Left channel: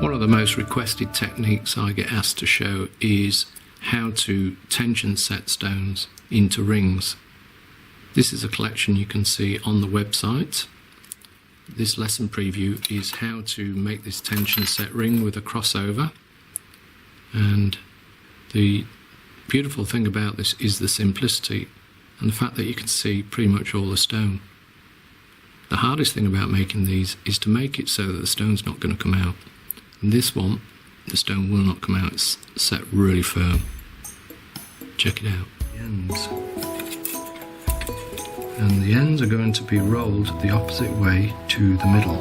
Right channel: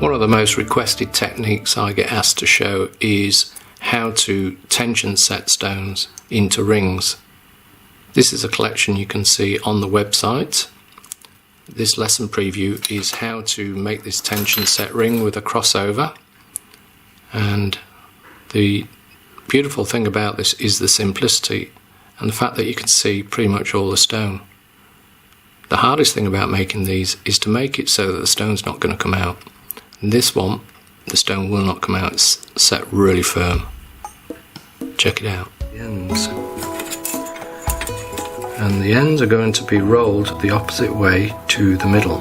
One of the most requested techniques I get asked to show is how to tension set stones into rings. This is a collection you can see on the website. This lesson preview is how to make this tension set ring with a crossover, and the beautiful thing about this is the simplicity and the fact that you can see pretty much all the stone. The hardest thing about making these is to make it so that the stone's not going to come out. In this one, the stone will not come out, it's set really firm. Check it out. And the ends are going to be rolled the opposite way to the middle.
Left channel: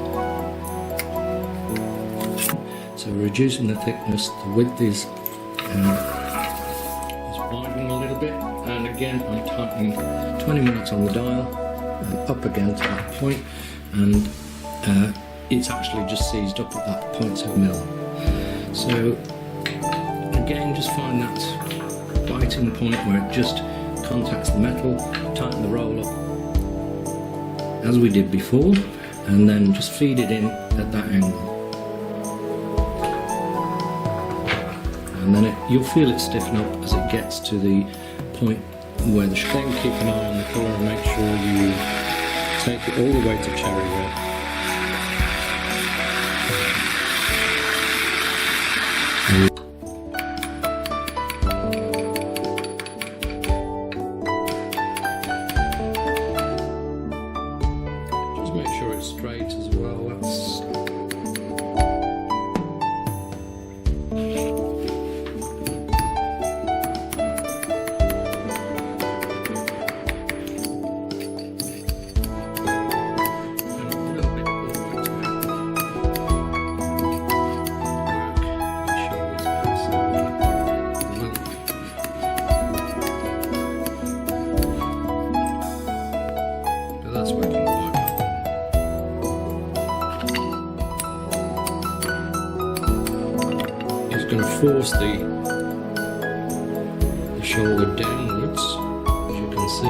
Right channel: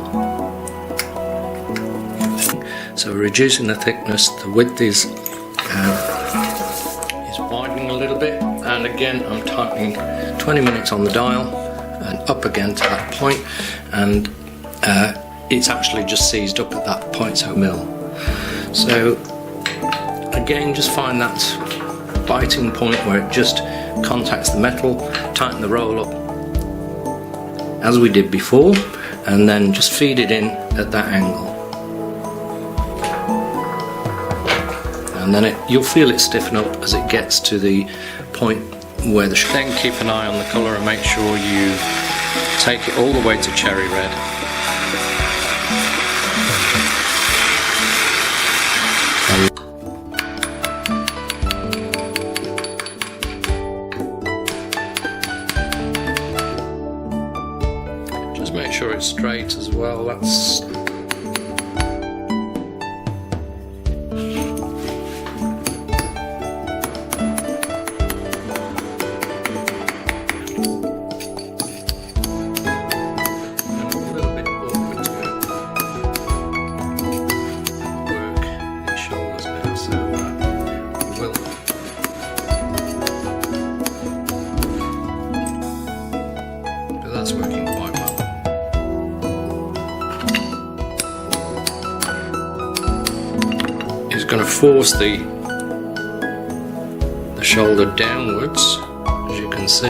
So we're reducing the thickness, the width is widening a little bit, and again I'm tightening 20 minutes on the dial and up again to that point, and it's actually just seized up at that 0.0 mil. So again, just find that biting point where it just contacts the metal, tighten the roll up as we did before, and then just feed it in at that angle. And then you'll feel it stiffen up as it gets to the point where the then keep an eye on the colour and make sure you take it all the way to cherry red. Just make sure it's straight as well. That's that's working quite well. It's going to force the shoulder downwards, as you can see.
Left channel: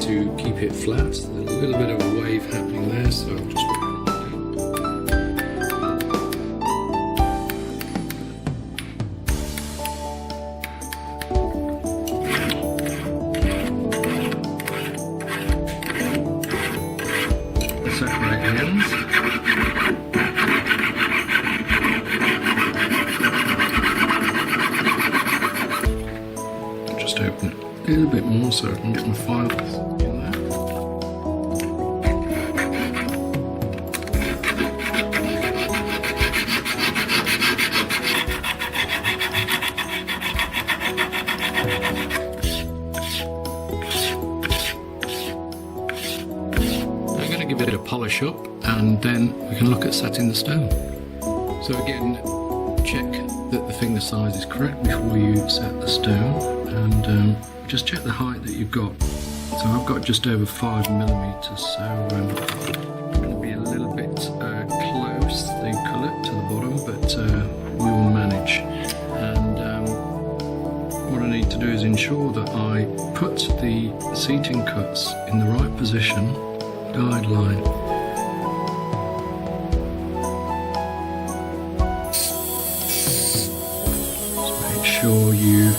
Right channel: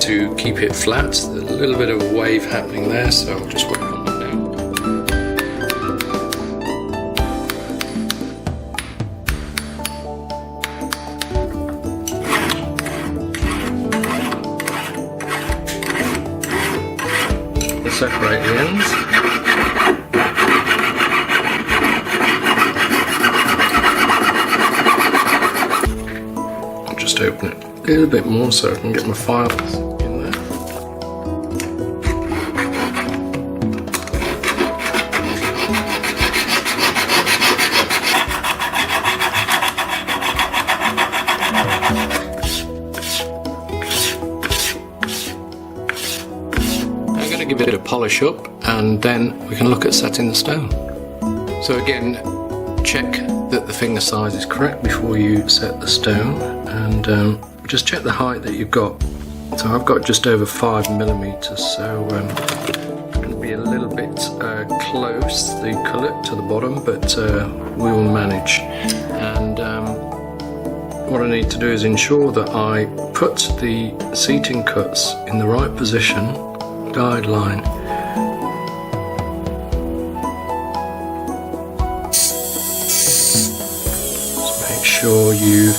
To keep it flat, there's a little bit of a wave happening there, so I'll just work on that now. We'll separate the ends. I'll just open it a little bit more so I can get my files in there. I'm going to give it a polish up, and then we can look at setting the stone. So again, check that the finger size is correct before you set the stone, and just check the height that you've got. So I've got just over 5mm, so I'm going to be a little bit close, the cullet to the bottom, but we will manage. And what I need to do is ensure that I put the seating cuts in the right position, guideline. Just make sure you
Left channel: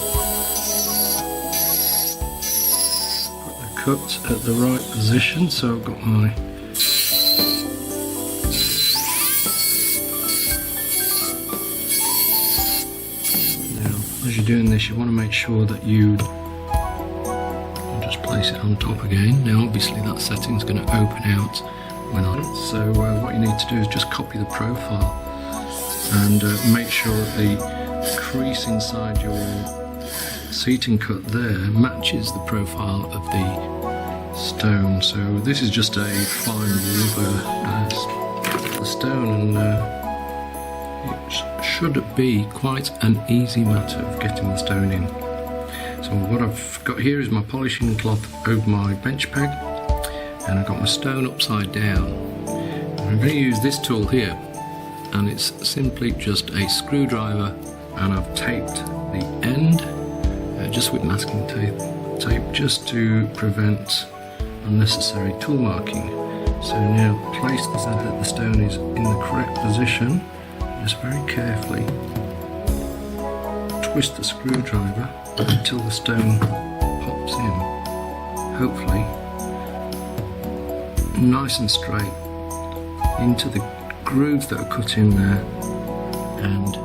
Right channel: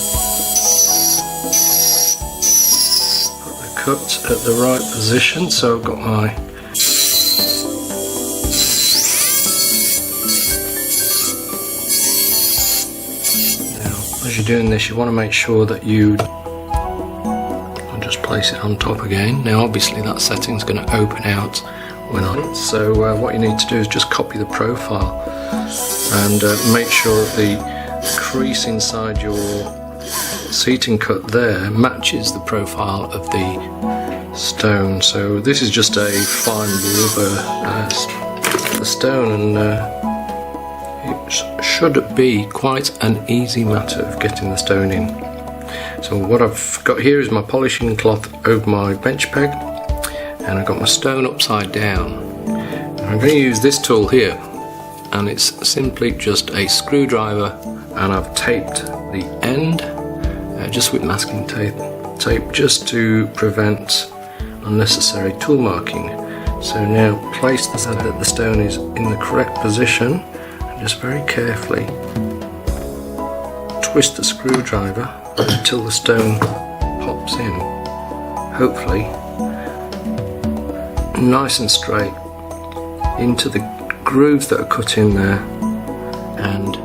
cut at the right position. So I've got my now, as you're doing this, you want to make sure that I'll just place it on top again. Now obviously that setting's going to open out when so what you need to do is just copy the profile and make sure that the crease inside your seating cut there matches the profile of the stone. So this is just a fine rubber stone, and it should be quite an easy matter of getting the stone in. So what I've got here is my polishing cloth over my bench peg, and I've got my stone upside down. And I'm going to use this tool here, and it's simply just a screwdriver, and I've taped the end just with masking tape just to prevent unnecessary tool marking. So now place the so that the stone is in the correct position, and just very carefully twist the screwdriver until the stone pops in, hopefully nice and straight into the grooves that are cut in there, and